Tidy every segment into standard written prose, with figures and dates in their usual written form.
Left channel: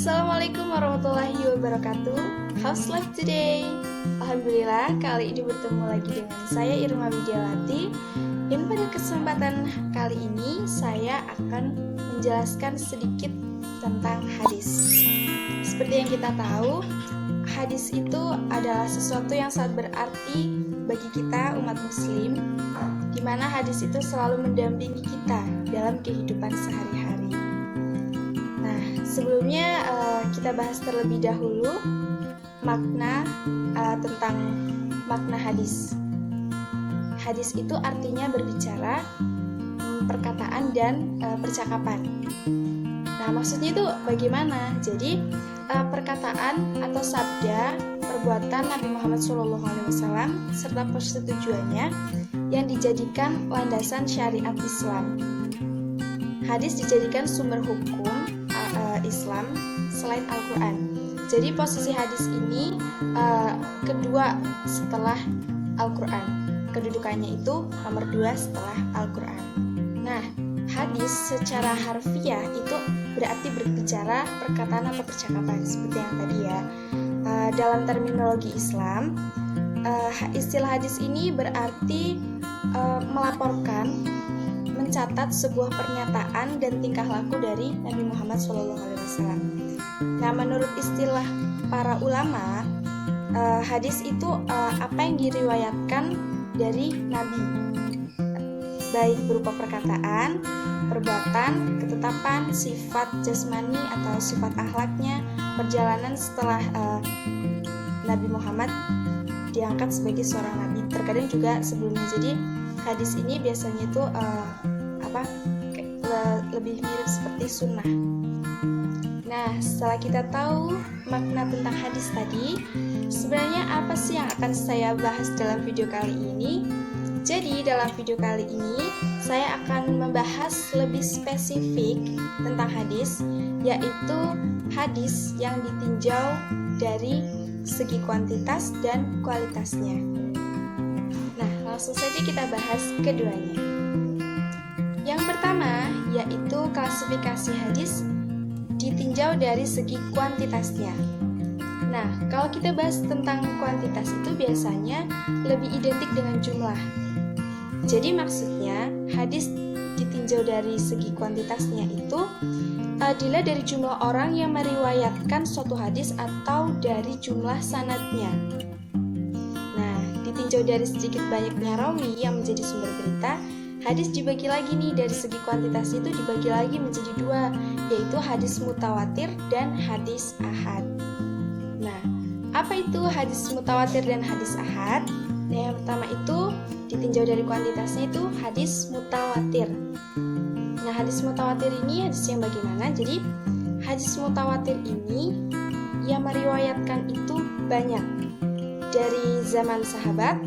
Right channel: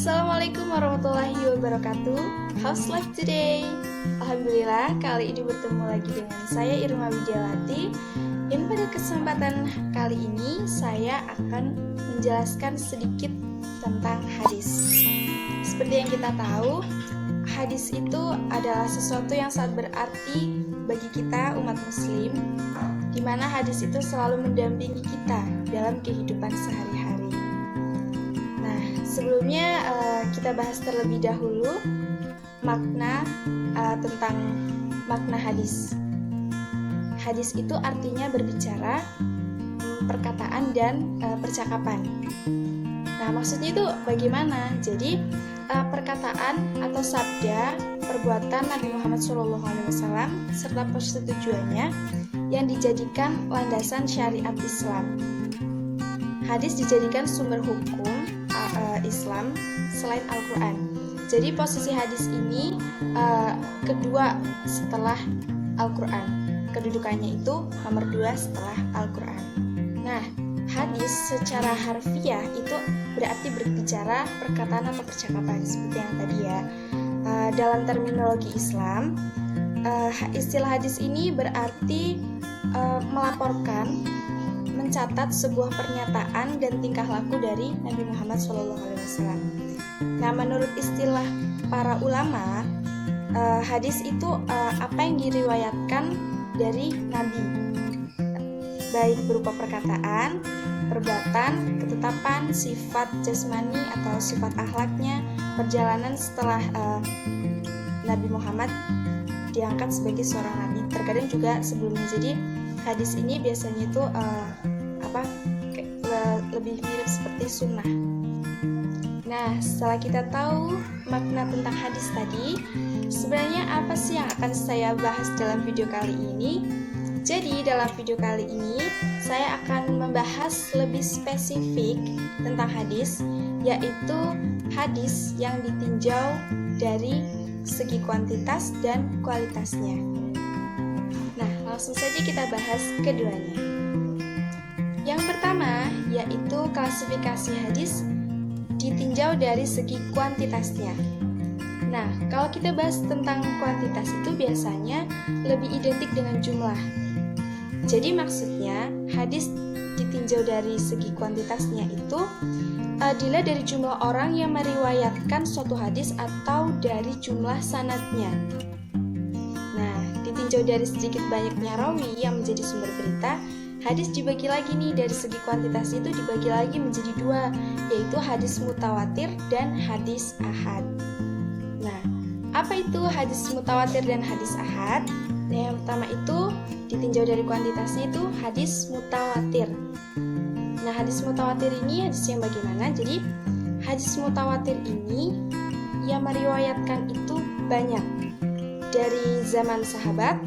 Assalamualaikum warahmatullahi wabarakatuh. How's life today? Alhamdulillah, kali ini bertemu lagi dengan saya Irma Widiawati. Dan pada kesempatan kali ini saya akan menjelaskan sedikit tentang hadis. Seperti yang kita tahu, hadis itu adalah sesuatu yang sangat berarti bagi kita umat muslim, di mana hadis itu selalu mendampingi kita dalam kehidupan sehari-hari. Nah, sebelumnya kita bahas terlebih dahulu makna tentang makna hadis. Hadis itu artinya berbicara, perkataan dan percakapan. Nah, maksudnya itu bagaimana? Jadi perkataan atau sabda, perbuatan Nabi Muhammad SAW serta persetujuannya yang dijadikan landasan syariat Islam. Hadis dijadikan sumber hukum Islam selain Al-Quran. Jadi posisi hadis ini kedua setelah Al-Quran. Kedudukannya itu nomor 2 setelah Al-Quran. Nah, hadis secara harfiah itu berarti berbicara, perkataan atau percakapan seperti yang tadi ya. Dalam terminologi Islam, istilah hadis ini berarti melaporkan, mencatat sebuah pernyataan dan tingkah laku dari Nabi Muhammad SAW. Nah, menurut istilah para ulama, hadis itu apa yang diriwayatkan dari Nabi, baik berupa perkataan, perbuatan, ketetapan, sifat jasmani atau sifat akhlaknya, perjalanan setelah Nabi Muhammad diangkat sebagai seorang nabi. Terkadang juga sebelumnya. Jadi hadis ini biasanya itu lebih mirip seperti sunnah. Nah, setelah kita tahu makna tentang hadis tadi, sebenarnya apa sih yang akan saya bahas dalam video kali ini? Jadi, dalam video kali ini, saya akan membahas lebih spesifik tentang hadis, yaitu hadis yang ditinjau dari segi kuantitas dan kualitasnya. Nah, langsung saja kita bahas keduanya. Yang pertama, yaitu klasifikasi hadis ditinjau dari segi kuantitasnya. Nah, kalau kita bahas tentang kuantitas itu biasanya lebih identik dengan jumlah. Jadi maksudnya, hadis ditinjau dari segi kuantitasnya itu dilihat dari jumlah orang yang meriwayatkan suatu hadis atau dari jumlah sanadnya. Nah, ditinjau dari sedikit banyaknya rawi yang menjadi sumber berita, hadis dibagi lagi nih dari segi kuantitas itu dibagi lagi menjadi 2, yaitu hadis mutawatir dan hadis ahad. Nah, apa itu hadis mutawatir dan hadis ahad? Nah, yang pertama itu ditinjau dari kuantitasnya itu hadis mutawatir. Nah, hadis mutawatir ini hadis yang bagaimana? Jadi, hadis mutawatir ini yang meriwayatkan itu banyak. Dari zaman sahabat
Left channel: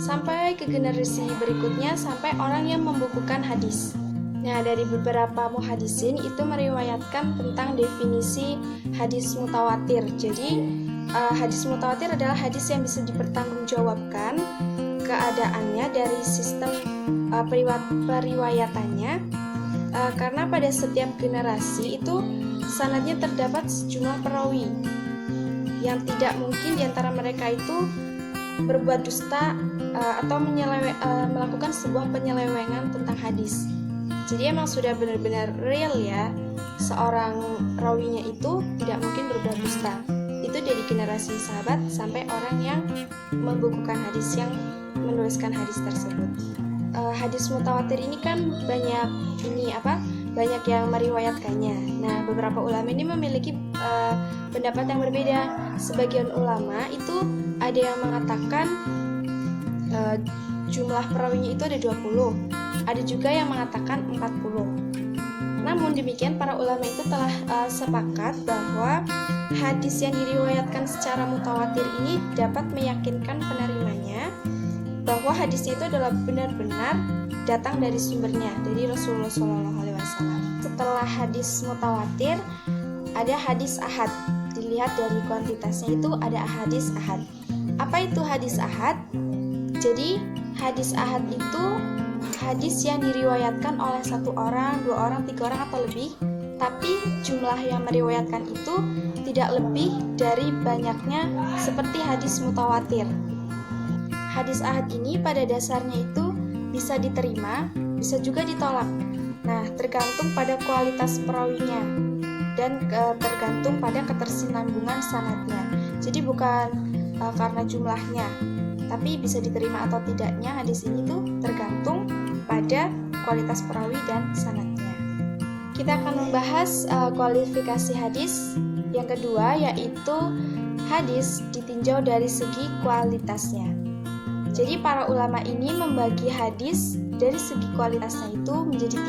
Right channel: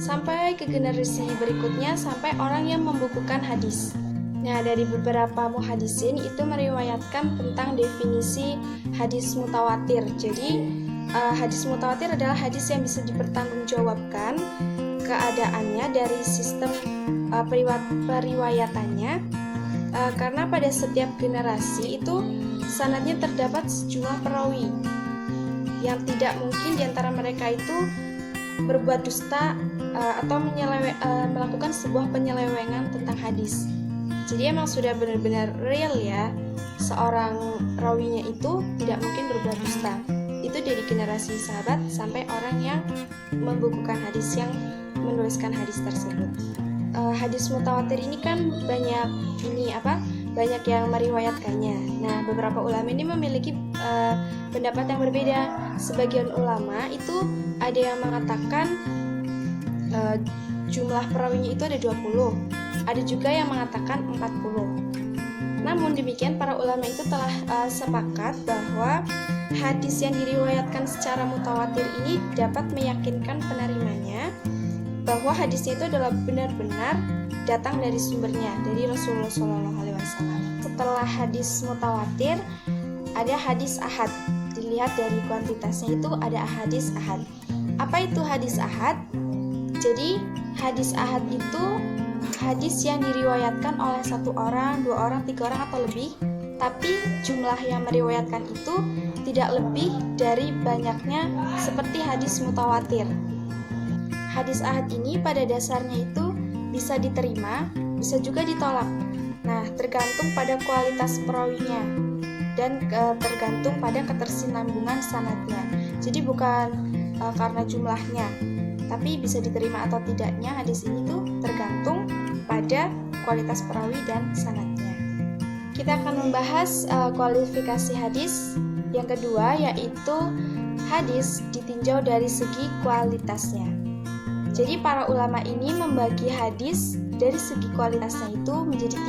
sampai ke generasi berikutnya sampai orang yang membukukan hadis. Nah, dari beberapa muhadisin itu meriwayatkan tentang definisi hadis mutawatir. Jadi, hadis mutawatir adalah hadis yang bisa dipertanggungjawabkan keadaannya dari sistem periwayatannya, karena pada setiap generasi itu sanadnya terdapat sejumlah perawi yang tidak mungkin diantara mereka itu berbuat dusta atau melakukan sebuah penyelewengan tentang hadis. Jadi emang sudah benar-benar real ya, seorang rawinya itu tidak mungkin berbuat dusta. Itu dari generasi sahabat sampai orang yang membukukan hadis, yang menuliskan hadis tersebut. Hadis mutawatir ini kan banyak yang meriwayatkannya. Nah, beberapa ulama ini memiliki pendapat yang berbeda. Sebagian ulama itu ada yang mengatakan jumlah perawinya itu ada 20, ada juga yang mengatakan 40. Namun demikian, para ulama itu telah sepakat bahwa hadis yang diriwayatkan secara mutawatir ini dapat meyakinkan penerimanya bahwa hadisnya itu adalah benar-benar datang dari sumbernya, dari Rasulullah SAW. Setelah hadis mutawatir, ada hadis ahad. Dilihat dari kuantitasnya itu ada hadis ahad. Apa itu hadis ahad? Jadi, hadis ahad itu hadis yang diriwayatkan oleh 1 orang, 2 orang, 3 orang atau lebih, tapi jumlah yang meriwayatkan itu tidak lebih dari banyaknya seperti hadis mutawatir. Hadis ahad ini pada dasarnya itu bisa diterima, bisa juga ditolak. Nah, tergantung pada kualitas perawinya dan tergantung pada ketersinambungan sanadnya. Jadi bukan karena jumlahnya, tapi bisa diterima atau tidaknya hadis ini tuh tergantung pada kualitas perawi dan sanadnya. Kita akan membahas kualifikasi hadis yang kedua, yaitu hadis ditinjau dari segi kualitasnya. Jadi para ulama ini membagi hadis dari segi kualitasnya itu menjadi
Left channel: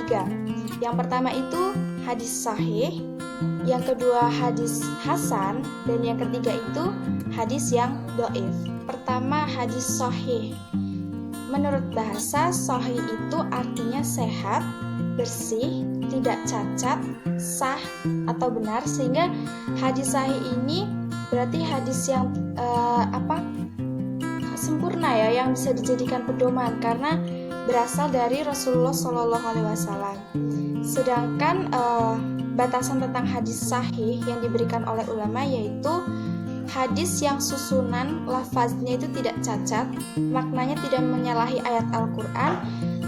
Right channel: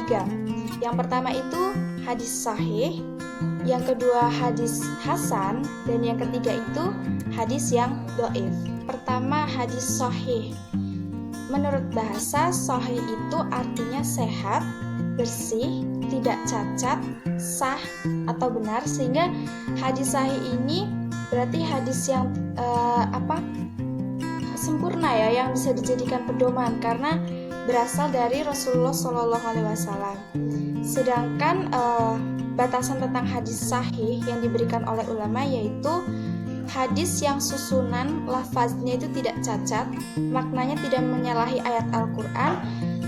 3. Yang pertama itu hadis sahih, yang kedua hadis hasan, dan yang ketiga itu hadis yang dhaif. Pertama, hadis sahih. Menurut bahasa, sahih itu artinya sehat, bersih, tidak cacat, sah atau benar, sehingga hadis sahih ini berarti hadis yang sempurna ya, yang bisa dijadikan pedoman karena berasal dari Rasulullah SAW. Sedangkan batasan tentang hadis sahih yang diberikan oleh ulama yaitu hadis yang susunan lafaznya itu tidak cacat, maknanya tidak menyalahi ayat Al-Quran,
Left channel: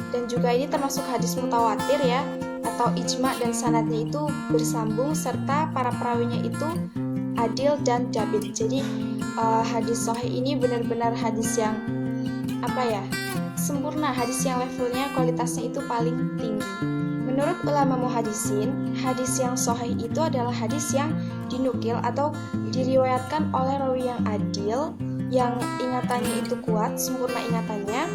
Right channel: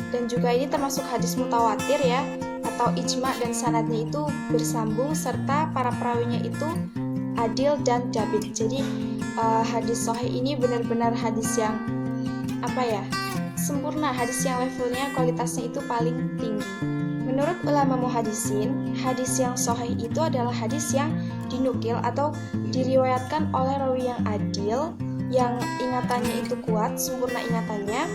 dan juga ini termasuk hadis mutawatir ya, atau ijma dan sanadnya itu bersambung, serta para perawinya itu adil dan dabit. Jadi hadis sahih ini benar-benar hadis yang sempurna, hadis yang levelnya, kualitasnya itu paling tinggi. Menurut ulama muhadisin, hadis yang sahih itu adalah hadis yang dinukil atau diriwayatkan oleh rawi yang adil, yang ingatannya itu kuat, sempurna ingatannya,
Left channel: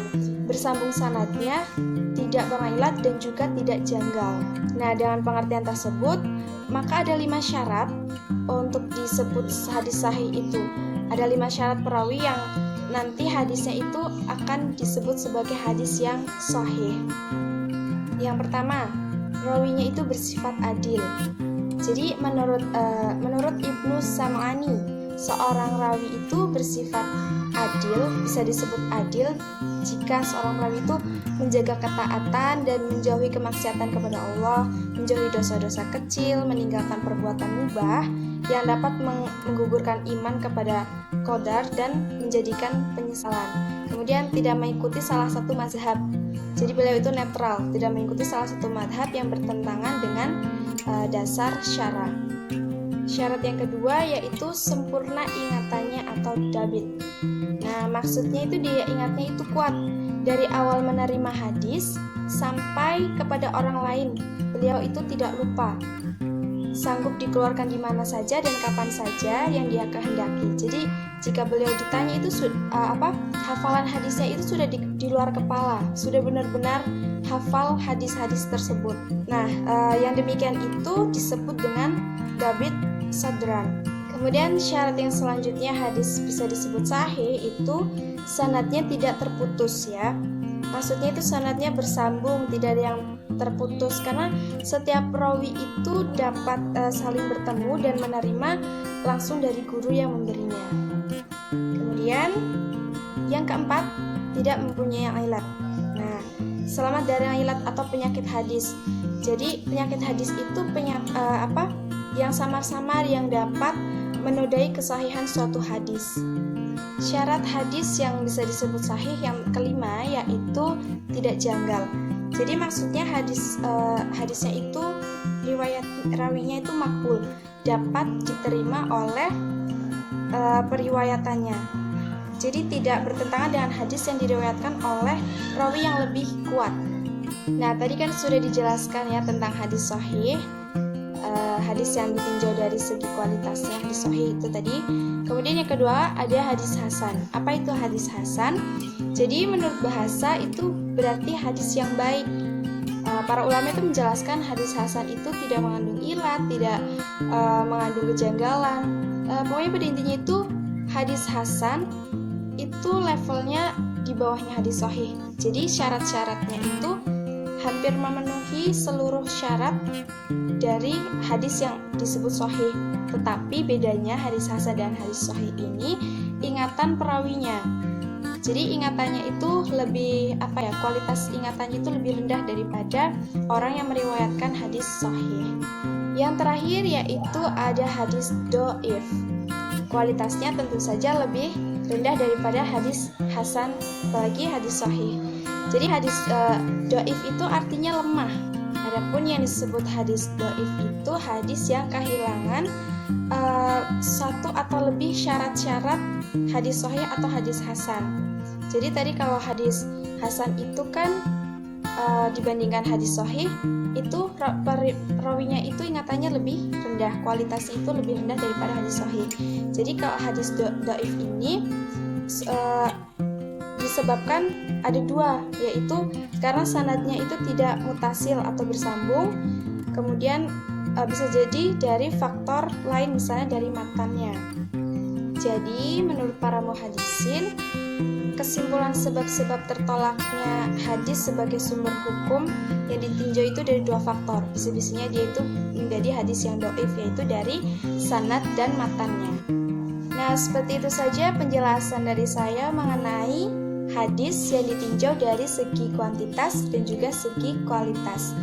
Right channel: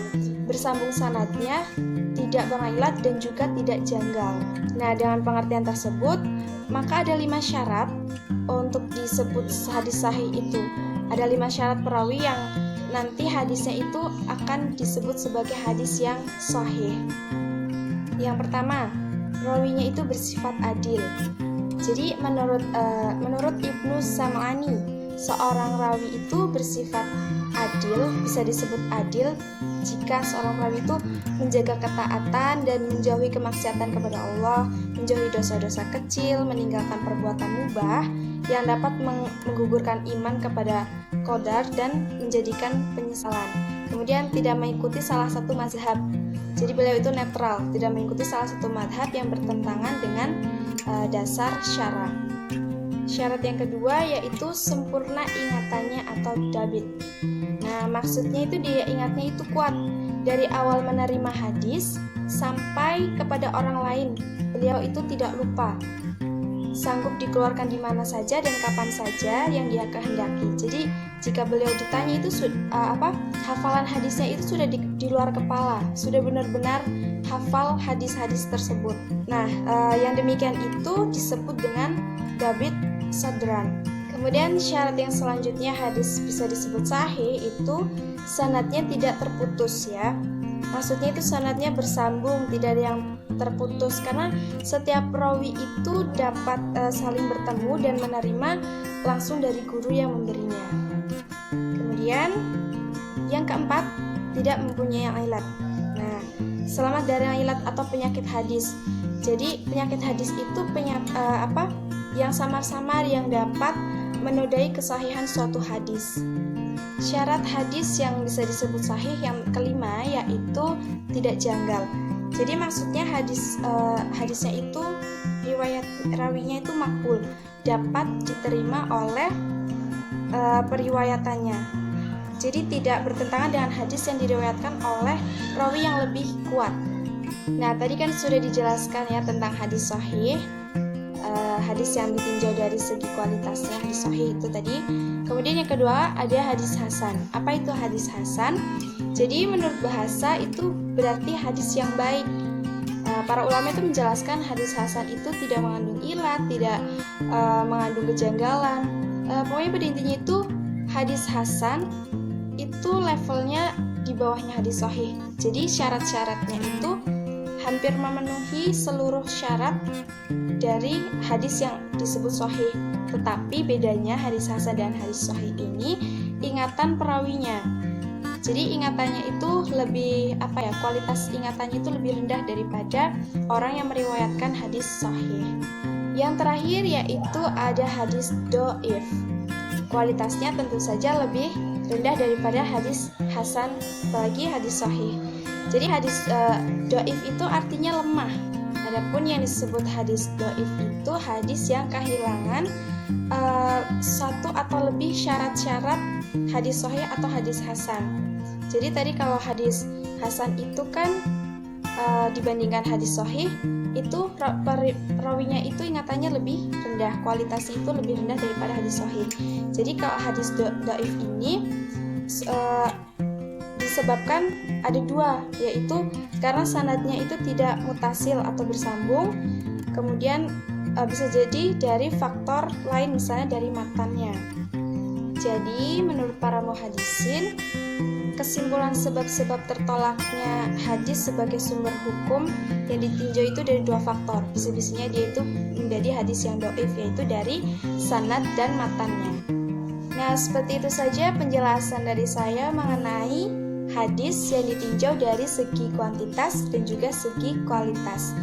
bersambung sanadnya, tidak berilat dan juga tidak janggal. Nah, dengan pengertian tersebut, maka ada 5 syarat untuk disebut hadis sahih itu. Ada 5 syarat perawi yang nanti hadisnya itu akan disebut sebagai hadis yang sahih. Yang pertama, rawinya itu bersifat adil. Jadi menurut Ibnu Sam'ani, seorang rawi itu bersifat adil, bisa disebut adil jika seorang perawi itu menjaga ketaatan dan menjauhi kemaksiatan kepada Allah, menjauhi dosa-dosa kecil, meninggalkan perbuatan mubah yang dapat menggugurkan iman kepada qadar dan menjadikan penyesalan. Kemudian tidak mengikuti salah satu mazhab. Jadi beliau itu netral, tidak mengikuti salah satu mazhab yang bertentangan dengan dasar syara. Syarat yang kedua yaitu sempurna ingatannya atau dabit. Nah, maksudnya itu dia ingatnya itu kuat dari awal menerima hadis sampai kepada orang lain. Beliau itu tidak lupa, sanggup dikeluarkan di mana saja dan kapan saja yang dia kehendaki. Jadi jika beliau ditanya itu hafalan hadisnya itu sudah di luar kepala, sudah benar-benar hafal hadis-hadis tersebut. Nah, yang demikian itu disebut dengan dabit sadran. Kemudian syarat yang selanjutnya hadis bisa disebut sahih itu sanadnya tidak terputus ya. Maksudnya itu sanadnya bersambung, tidak ada yang terputus, karena setiap perawi itu dapat saling bertemu dan menerima langsung dari guru yang memberinya. Kemudian yang keempat, tidak mempunyai ilat. Nah, selamat dari ilat atau penyakit hadis. Jadi penyakit hadis itu yang samar-samar yang dapat menodai kesahihan suatu hadis. Syarat hadis yang bisa disebut sahih yang kelima yaitu tidak janggal. Jadi maksudnya hadisnya itu riwayat rawinya itu makbul, dapat diterima oleh periwayatannya. Jadi tidak bertentangan dengan hadis yang diriwayatkan oleh rawi yang lebih kuat. Nah, tadi kan sudah dijelaskan ya tentang hadis sahih. Hadis yang ditinjau dari segi kualitasnya, hadis sahih itu tadi. Kemudian yang kedua ada hadis hasan. Apa itu hadis hasan? Jadi menurut bahasa itu berarti hadis yang baik. Para ulama itu menjelaskan hadis hasan itu tidak mengandung ilat, tidak mengandung kejanggalan. Pokoknya pada intinya itu hadis hasan itu levelnya di bawahnya hadis sahih. Jadi syarat-syaratnya itu hampir memenuhi seluruh syarat dari hadis yang disebut sahih. Tetapi bedanya hadis hasan dan hadis sahih ini ingatan perawinya. Jadi ingatannya itu lebih kualitas ingatannya itu lebih rendah daripada orang yang meriwayatkan hadis sahih. Yang terakhir yaitu ada hadis do'if. Kualitasnya tentu saja lebih rendah daripada hadis hasan, apalagi hadis sahih. Jadi hadis do'if itu artinya lemah. Adapun yang disebut hadis do'if itu hadis yang kehilangan satu atau lebih syarat-syarat hadis sahih atau hadis hasan. Jadi tadi kalau hadis hasan itu kan dibandingkan hadis sahih, itu rawinya itu ingatannya lebih rendah, kualitasnya itu lebih rendah daripada hadis sahih. Jadi kalau hadis dhaif ini disebabkan ada dua, yaitu karena sanadnya itu tidak mutasil atau bersambung, kemudian bisa jadi dari faktor lain, misalnya dari matannya. Jadi menurut para muhaddisin, kesimpulan sebab-sebab tertolaknya hadis sebagai sumber hukum yang ditinjau itu dari dua faktor. Bisa-bisanya dia itu menjadi hadis yang dhaif, yaitu dari sanad dan matannya. Nah, seperti itu saja penjelasan dari saya mengenai hadis yang ditinjau dari segi kuantitas dan juga segi kualitas.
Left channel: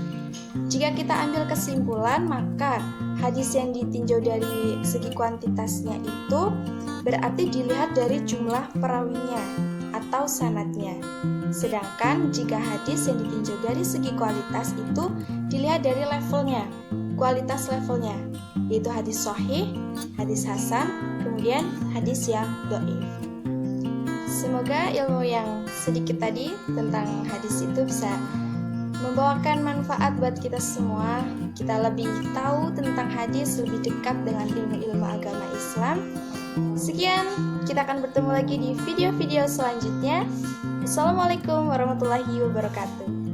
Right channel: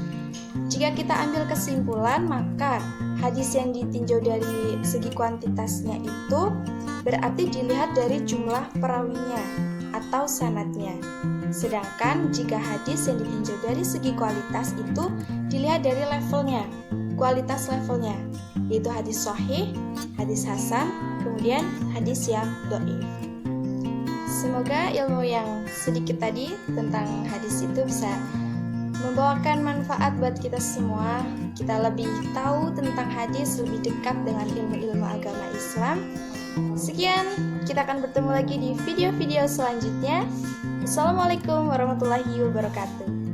Jika kita ambil kesimpulan, maka hadis yang ditinjau dari segi kuantitasnya itu berarti dilihat dari jumlah perawinya atau sanadnya. Sedangkan jika hadis yang ditinjau dari segi kualitas itu dilihat dari levelnya, kualitas levelnya, yaitu hadis sahih, hadis hasan, kemudian hadis yang dhaif. Semoga ilmu yang sedikit tadi tentang hadis itu bisa membawakan manfaat buat kita semua. Kita lebih tahu tentang hadis, lebih dekat dengan ilmu-ilmu agama Islam. Sekian, kita akan bertemu lagi di video-video selanjutnya. Assalamualaikum warahmatullahi wabarakatuh.